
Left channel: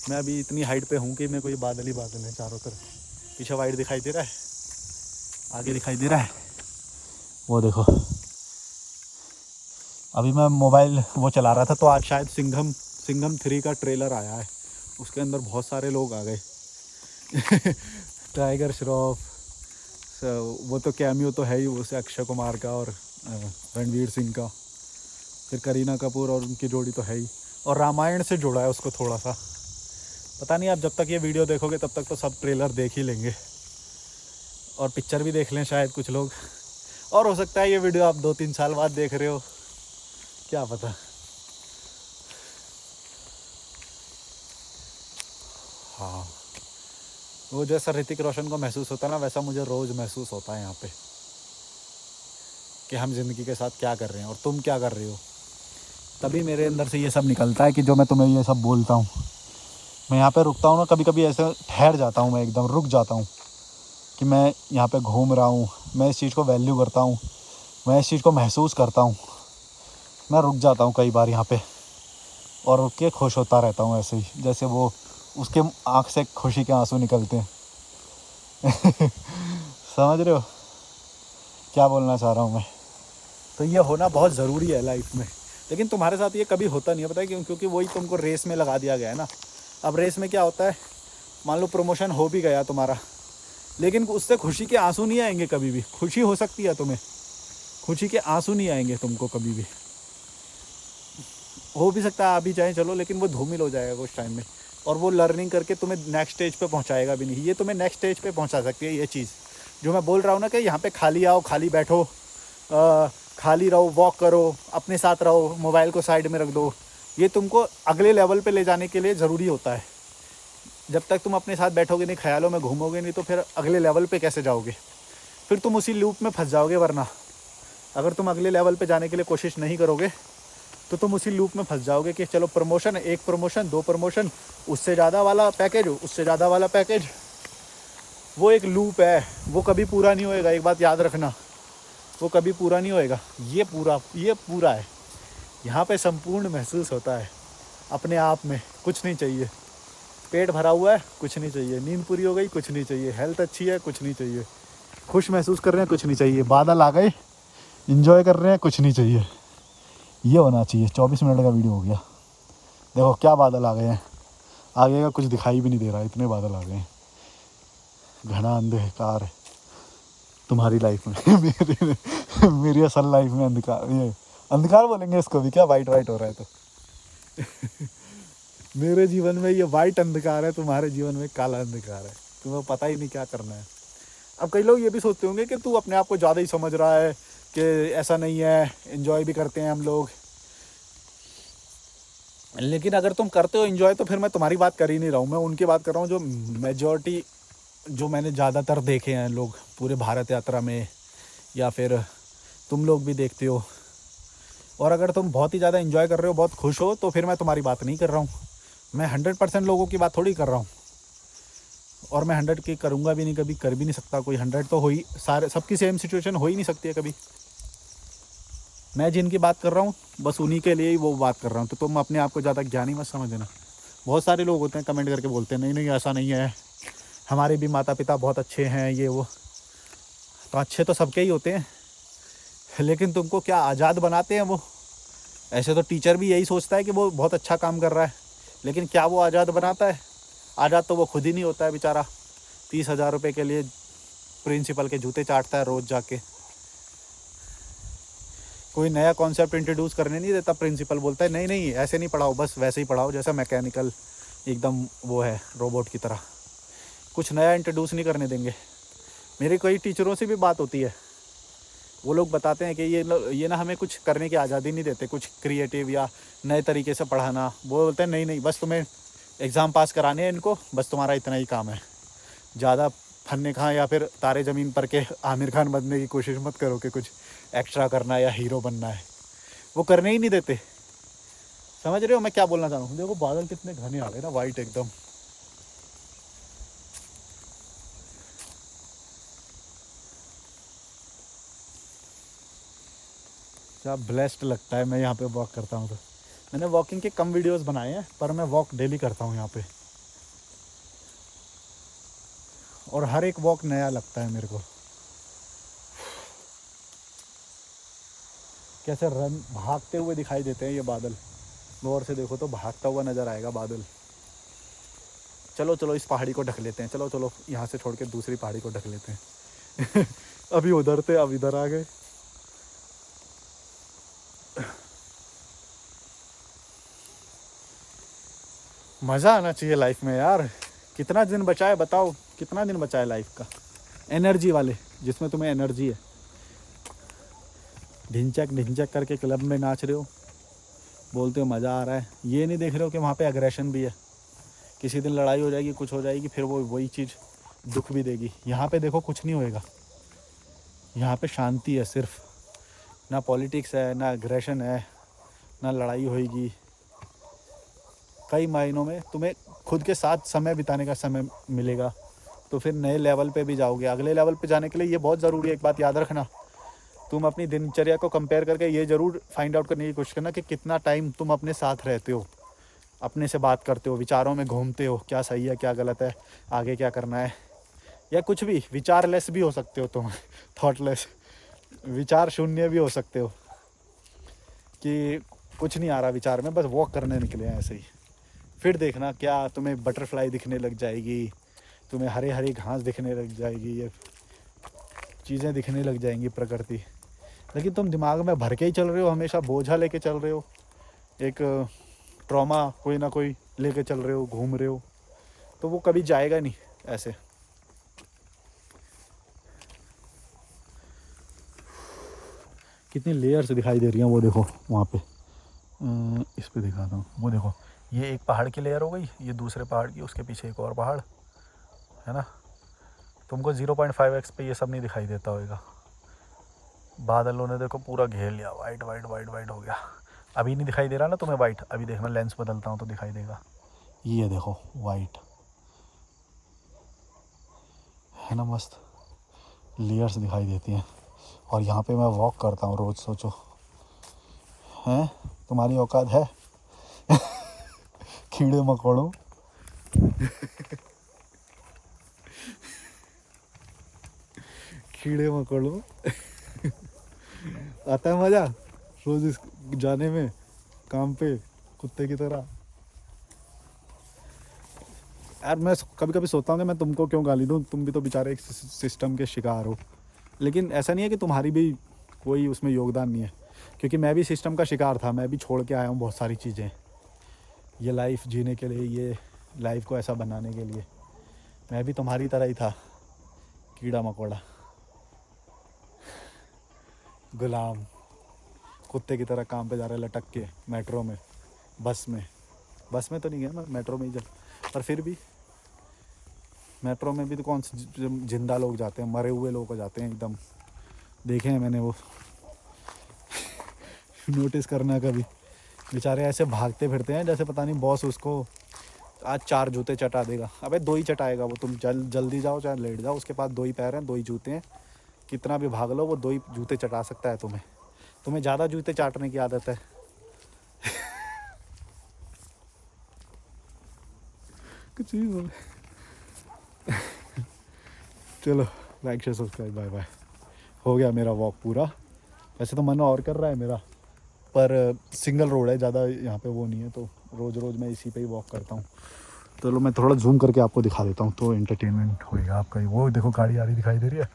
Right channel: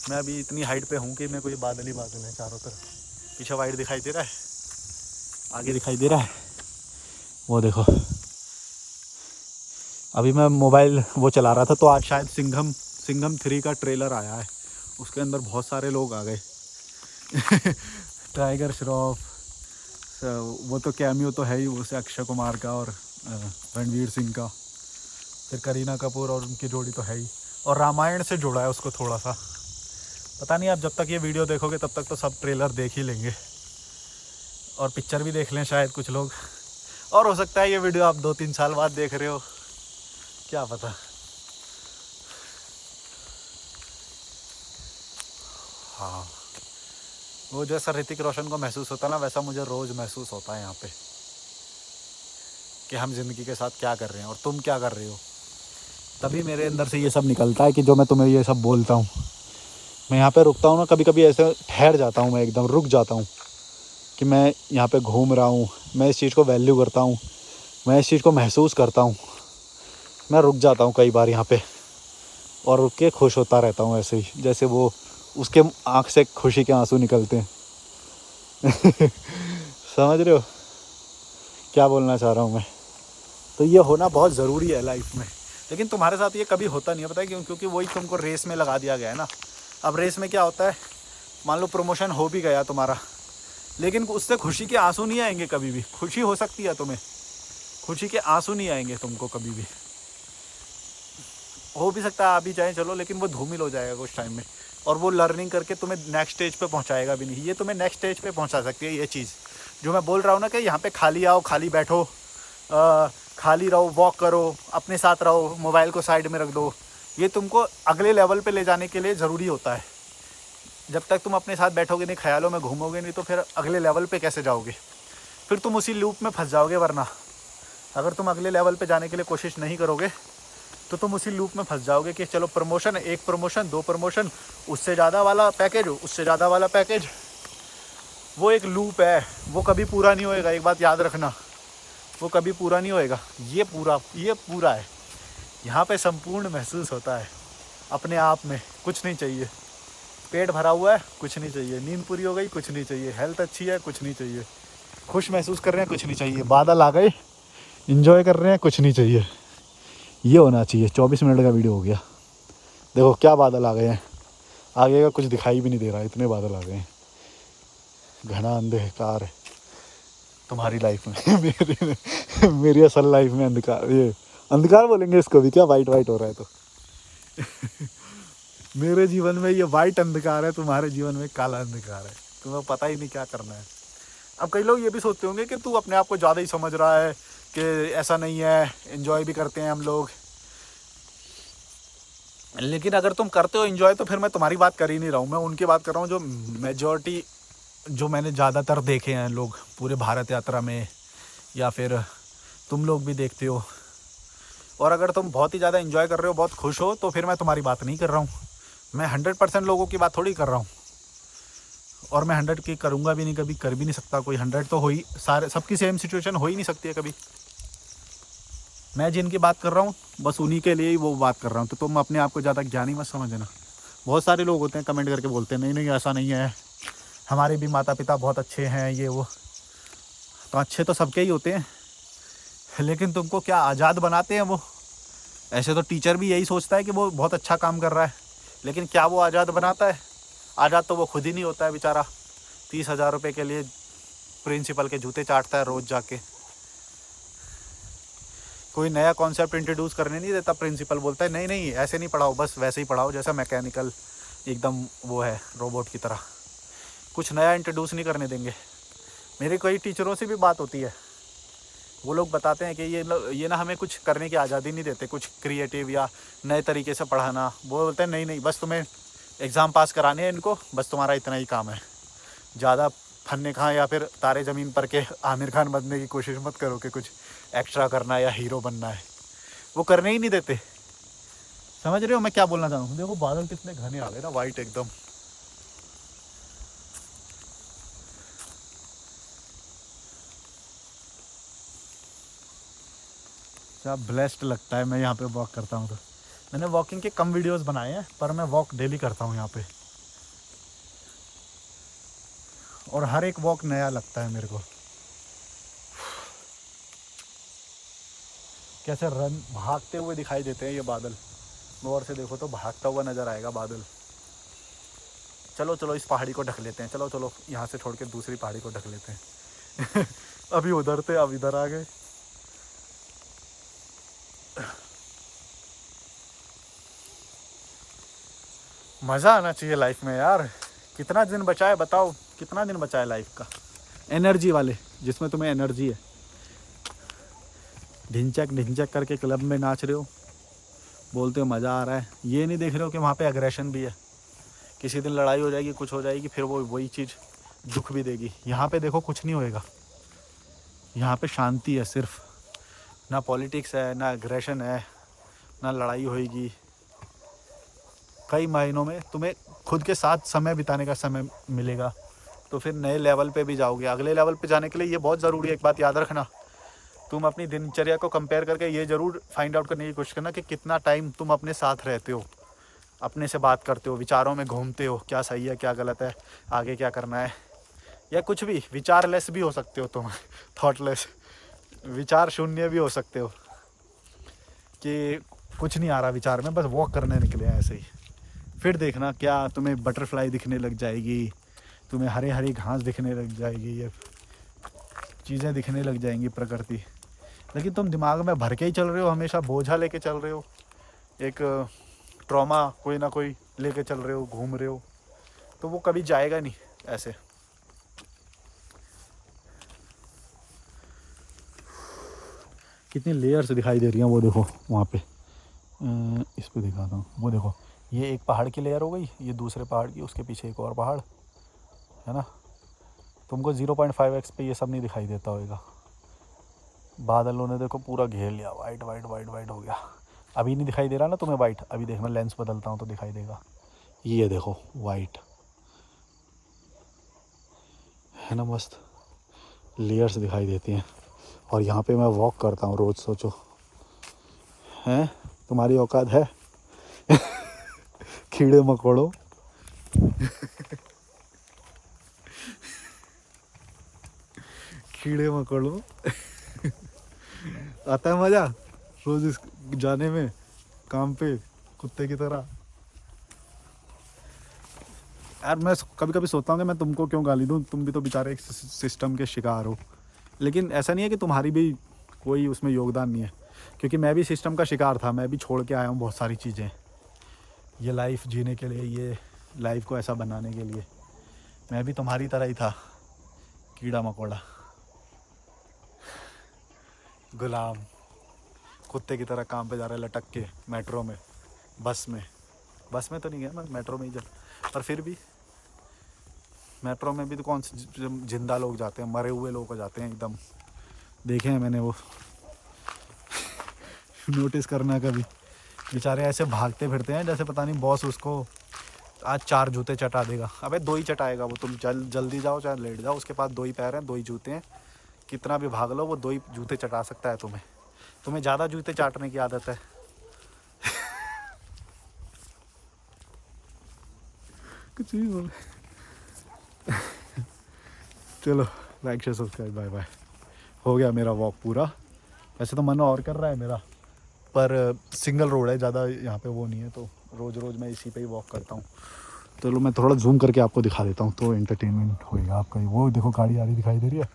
मैं अभी इतनी हाइट पे हूँ कि मेरे को ये बादल ही बादल है चारों तरफ। पीछे वाइट दिखाई दे रहा है, आगे दिखाई दे रहा है, वो देखो। अभी मैं मोबाइल वो चला रहा था तो आज शायद सिंघम 3 का ट्रेलर आया है, उसके अंदर बहुत सारे लोग आ गए। टाइगर श्रॉफ, वो तो कैमियो तो है ही, वो से अक्षय कुमार का और रणवीर सिंह का, फिर करीना कपूर और उनकी जोड़ी तो है ही, और रामायण से जोड़ा है उसको थोड़ा सा। पता नहीं आप जब तक ये वीडियो देखोगे तब तक तो सब ट्रेलर देख ही लेंगे, और पिक्चर भी देख लें शायद कुछ लोग, और हो सकता है ये वीडियो आप 2-3 साल बाद देख रहे हो, क्या पता। हाँ, वो जैसा ऋतिक रोशन को महसूस होता है ना, वैसा मुझे रोज़ महसूस होता है यहाँ पे, कि हम ज़िंदगी के साथ क्या कर रहे हैं और तुम क्या कर रहे हो। तभी मेरे अंदर से ये सब निकलता है कि जो मैं तुम्हें ये सब बोलता हूँ। मैं यहाँ पे रुकता हूँ ना, कभी कभी ऐसे ठहर जाता हूँ, मैं एकदम रुक जाता हूँ कि मैं यहाँ पे घूम रहा हूँ, मैं इस चीज़ को वैल्यू करता हूँ, मैं इस चीज़ को महसूस करता हूँ। मैं रुक जाता हूँ कई बार यहाँ पे, और रुक के खुश होता रहता हूँ ऐसे ही, जैसे वो उसके आँख से खुशी के आंसू निकलते हैं। समझ रहे हो क्या बोलना चाह रहा हूँ मैं। तो ये होना बहुत ज़रूरी है लाइफ में, लेकिन तुम्हारे साथ ये कभी होता नहीं है, पता है क्यों? क्योंकि वही तुमको रेस में लगा दिया गया है ना। अब रेस में क्या होता है, मान लो प्रमोशन हो भी गया तुम्हारा, लेकिन उससे खुशी के आंसू नहीं आएंगे कभी भी। खुशी हो सकती है तुम्हें, खुशी के आंसू नहीं आएंगे तुमको कभी भी। हो भी सकता है आ भी जाए, चलो, लेकिन वो धूमिल हो जाएगा कुछ टाइम में, और वो लर्निंग करके तुम्हें नेक्स्ट स्टेज पे पहुंचाएगा भी नहीं। ये तुम्हें नेक्स्ट स्टेज पे पहुंचा सकती है ये चीज़, जो मैं बोल रहा हूँ ना, कि यहाँ पे खाली आओ, खाली बैठो, खाली रहो, वॉक करो, अपने साथ रहो, मोबाइल को साइड में रख दो। ये तुमको अगले लेवल पे ले जाने के लिए ज़रूरी होता है। जब तक तुम अपने साथ बैठोगे नहीं, ख्यालों में घूमोगे नहीं, तो फिर अगले लेवल पे कैसे जाओगे? फिर तुम उसी लूप में फंस जाओगे। वरना अगर तुम अगले लेवल पे जाने के लिए कोशिश नहीं करोगे तो तुम उसी लूप में फंस जाओगे कि चलो प्रमोशन, 1 प्रमोशन, 2 प्रमोशन, उससे ज़्यादा वाला पैकेज, उससे ज़्यादा वाला पैकेज। वो एक लूप है, वो कभी पूरा नहीं होएगा। एक बात याद रखना, वो कभी पूरा नहीं होएगा। ये पूरा है। यहाँ पे संपूर्ण महसूस होता है अपने आप में। कुछ नहीं चाहिए, पेट भरा हुआ है, कुछ नहीं चाहिए, नींद पूरी हो गई, कुछ नहीं चाहिए, हेल्थ अच्छी है, कुछ नहीं चाहिए, खुश महसूस कर रहे हैं, कुछ नहीं चाहिए, बादल आ गए, एंजॉय कर रहे हैं, कुछ नहीं चाहिए। ये होना चाहिए। 24 मिनट का वीडियो हो गया। देखो क्या बादल आ गए हैं, आगे का कुछ दिखाई भी नहीं दे रहा, इतने बादल आ गए हैं। घना अंधकार है तुम्हारी लाइफ में। मेरी असल लाइफ में अंधकार, ये अंधकार बोलेंगे इसको भी क्या, वाइट हो रहा है तो। मेरे जीवन में ये वाइट अंधकार है, तुम्हारे जीवन में काला अंधकार है। तुम्हें पता ही नहीं क्या करना है। अब कई लोग ये भी सोचते होंगे कि तू अपने आप को ज़्यादा ही समझ रहा है, कि ऐसा नहीं है, एंजॉय भी करते हैं हम लोग। लेकिन अगर तुम करते हो एंजॉय तो फिर मैं तुम्हारी बात कर ही नहीं रहा हूँ, मैं उनकी बात कर रहा हूँ जो मेजॉरिटी, जो मैंने ज़्यादातर देखे हैं लोग पूरे भारत यात्रा में, या फिर तुम लोग भी देखते हो। और अगर तुम बहुत ही ज़्यादा एंजॉय कर रहे हो, बहुत खुश हो, तो फिर मैं तुम्हारी बात नहीं कर रहा हूँ। मैं 100% लोगों की बात थोड़ी कर रहा हूँ, और मैं 100 की करूँगा भी नहीं, कभी कर भी नहीं सकता कोई। 100 तो हो ही, सारे सबकी सेम सिचुएशन हो ही नहीं सकती है कभी। मैं जिनकी बात कर रहा हूँ बस उन्हीं के लिए ही वो बात कर रहा हूँ। तो तुम अपने आप को ज़्यादा ज्ञानी मत समझना। बहुत सारे लोग होते हैं कमेंट करके बोलते हैं नहीं नहीं ऐसा नहीं है, हमारे भी माता पिता बहुत अच्छे हैं, ये वो। तो अच्छे तो सबके ही होते हैं, लेकिन तुमको क्या आज़ाद बनाते हैं वो? ऐसे तो टीचर भी यही सोचता है कि वो बहुत अच्छा काम कर रहा है, लेकिन क्या वो आज़ाद बनाता है? आज़ाद तो वो खुद ही नहीं होता है बेचारा। 30,000 रुपये के लिए प्रिंसिपल के जूते चाटता है रोज़ जाके। कोई नया कॉन्सेप्ट इंट्रोड्यूस करने नहीं देता प्रिंसिपल, बोलता है नहीं नहीं ऐसे नहीं पढ़ाओ, बस वैसे ही पढ़ाओ जैसा मैकेनिकल एकदम वो है, रोबोट की तरह। कुछ नया इंट्रोड्यूस नहीं करने देंगे। मेरी कई टीचरों से भी बात होती है, वो लोग बताते हैं कि ये ना हमें कुछ करने की आज़ादी नहीं देते, कुछ क्रिएटिव या नए तरीके से पढ़ाना। वो बोलते हैं नहीं नहीं बस तुम्हें एग्ज़ाम पास कराने हैं इनको, बस तुम्हारा इतना ही काम है। ज़्यादा फन्ने खां या फिर तारे ज़मीन पर के आमिर खान बनने की कोशिश मत करो कि कुछ एक्स्ट्रा करना है या हीरो बनना है। वो करने ही नहीं देते। समझ रहे हो मैं क्या बोलना चाह रहा हूँ? देखो बादल कितने घने आ गए ना, वाइट एकदम। क्या ब्लेस्ड लगता है मैं यहाँ पे वॉक करता हूँ तो। मैंने वॉकिंग के कम वीडियोस बनाए हैं, पर मैं वॉक डेली करता हूँ यहाँ पे, और हर एक वॉक नया लगता है मेरे को। कैसे रन भागते हुए दिखाई देते हैं ये बादल, गौर से देखो तो भागता हुआ नज़र आएगा बादल। चलो चलो इस पहाड़ी को ढक लेते हैं, चलो चलो यहाँ से छोड़ के दूसरी पहाड़ी को ढक लेते हैं। अभी उधर थे अब इधर आ गए। मज़ा आना चाहिए लाइफ में यार। कितना दिन बचा है बताओ, कितना दिन बचा है लाइफ का? एनर्जी वाले, जिसमें तुम्हें एनर्जी है, ढिंचक ढिंचक करके क्लब में नाच रहे हो, बोलते हो मज़ा आ रहा है। ये नहीं देख रहे हो कि वहाँ पे एग्रेशन भी है। किसी दिन लड़ाई हो जाएगी, कुछ हो जाएगी, फिर वो वही चीज़ दुख भी देगी। यहाँ पे देखो कुछ नहीं होएगा, यहाँ पे शांति है सिर्फ। ना पॉलिटिक्स है, ना एग्रेशन है, ना लड़ाई होएगी। कई महीनों में तुम्हें खुद के साथ समय बिताने का समय मिलेगा, तो फिर नए लेवल पे भी जाओगे। अगले लेवल पे जाने के लिए ये बहुत ज़रूरी है, एक बात याद रखना। तुम अपनी दिनचर्या को कंपेयर करके ये ज़रूर फाइंड आउट करने की कोशिश करना कि कितना टाइम तुम अपने साथ रहते हो, अपने से बात करते हो, विचारों में घूमते हो, क्या सही है क्या गलत है, आगे क्या करना है, या कुछ भी। विचारलेस भी हो सकते हो तुम, थॉटलेस, विचार शून्य भी हो सकते हो, कि कुछ नहीं आ रहा विचार में, बस वॉक करने निकले हैं ऐसे ही। फिर देखना क्या तुम्हें बटरफ्लाई दिखने लग जाएगी, तुम्हें हरे हरी घास दिखने लग जाएगी, ये चीज़ें दिखने लग जाएंगी प्रकृति। लेकिन तुम दिमाग में भर के ही चल रहे हो, हमेशा बोझा लेके चल रहे हो, एक ट्रॉमा कोई ना कोई लेके चल रहे हो, घूम रहे हो, तो वो कभी जाएगा नहीं ऐसे। कितनी लेयर्स दिखाई दे रही हैं वो देखो वहाँ पे, इस पे दिखा दूँ, वो देखो ये एक पहाड़ की लेयर हो गई, ये दूसरे पहाड़ की, उसके पीछे एक और पहाड़ है ना। तुमको 0.5x पे ये सब नहीं दिखाई देता होगा। बादलों ने देखो पूरा घेर लिया, वाइट वाइट वाइट वाइट हो गया। अभी नहीं दिखाई दे रहा ना तुम्हें वाइट? अभी देख मैं लेंस बदलता हूँ तो दिखाई देगा। ये देखो वाइट है ना, मस्त लेयर्स दिखाई देती हैं। और यहाँ पे मैं वॉक करता हूँ रोज़, सोचो हैं तुम्हारी औकात है? कीड़े मकोड़ों। कीड़े मकोड़ों। आता है मज़ा रोज़ इस जाने में काम पे, कुत्ते की तरह। यार मैं कभी कभी सोचता हूँ कि मैं तुमको क्यों गाली दूँ, तुम भी तो बेचारे एक सिस्टम के शिकार हो। लेकिन ऐसा नहीं है कि तुम्हारी भी कोई उसमें योगदान नहीं है, क्योंकि मैं भी सिस्टम का शिकार था। मैं भी छोड़ के आया हूँ बहुत सारी चीज़ें, ये लाइफ जीने के लिए, ये लाइफ को ऐसा बनाने के लिए। मैं भी तुम्हारी तरह ही था, कीड़ा मकोड़ा, गुलाम, कुत्ते की तरह काम पे जा रहा है लटक के मेट्रो में, बस में तो नहीं गया मैं, मेट्रो में ही जा, पर फिर भी मेट्रो में भी तो कौन से जिंदा लोग जाते हैं, मरे हुए लोग जाते हैं एकदम, देखे हैं मैंने वो। नोटिस करना कभी, बेचारे ऐसे भागते फिरते हैं जैसे पता नहीं बॉस उसको आज 4 जूते चटा देगा। अबे 2 ही चटाएगा वो, तुम जल्दी जाओ चाहे लेट जाओ, उसके पास 2 ही पैर हैं, 2 ही जूते हैं, कितना भी भाग लो वो 2 ही जूते चटा सकता है तुम्हें। तुम्हें ज़्यादा जूते चाटने की आदत है। कुछ भी बोल। चलो like share subscribe, bye bye. हो गया मेरा वॉक पूरा। वैसे तो मन और कर रहा है मेरा, पर सिंगल रोड है, ज़्यादा यहाँ पे वो नहीं है, तो रोज़ रोज़ मैं इसी पे ही वॉक करता हूँ। चलो मैं थोड़ा जूम करके आपको दिखा देता हूँ तो एंटरटेनमेंट होएगा आपका। वो देखो गाड़ी आ रही दिखाई दे रही है,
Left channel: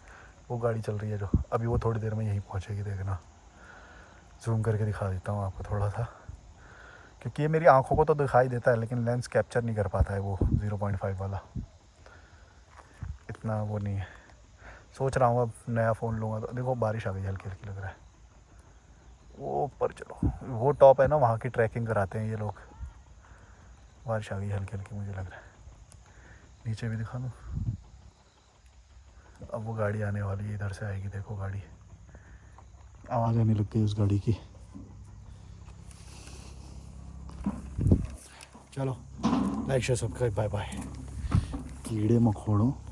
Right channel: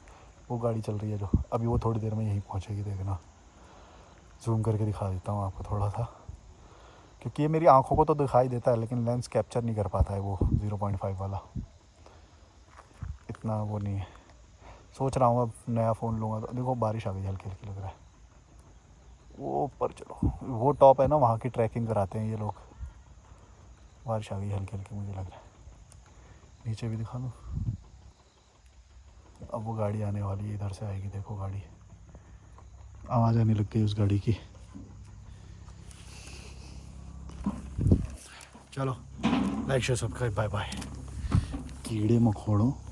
वो गाड़ी चल रही है जो अभी, वो थोड़ी देर में यहीं पहुँचेगी, देखना। जूम करके दिखा देता हूँ आपको थोड़ा सा, क्योंकि ये मेरी आंखों को तो दिखाई देता है लेकिन लेंस कैप्चर नहीं कर पाता है वो 0.5 वाला, इतना वो नहीं है। सोच रहा हूँ अब नया फ़ोन लूँगा तो। देखो बारिश आ गई, हल्की हल्की लग रहा है। वो ऊपर चलो, वो टॉप है ना, वहाँ की ट्रैकिंग कराते हैं ये लोग। बारिश आ गई हल्की हल्की मुझे लग रहा है। नीचे भी दिखा दूँ, अब वो गाड़ी आने वाली है, इधर से आएगी, देखो गाड़ी आवाज़ आने लग गई उस गाड़ी की। चलो like share subscribe, bye bye. कीड़े मकोड़ों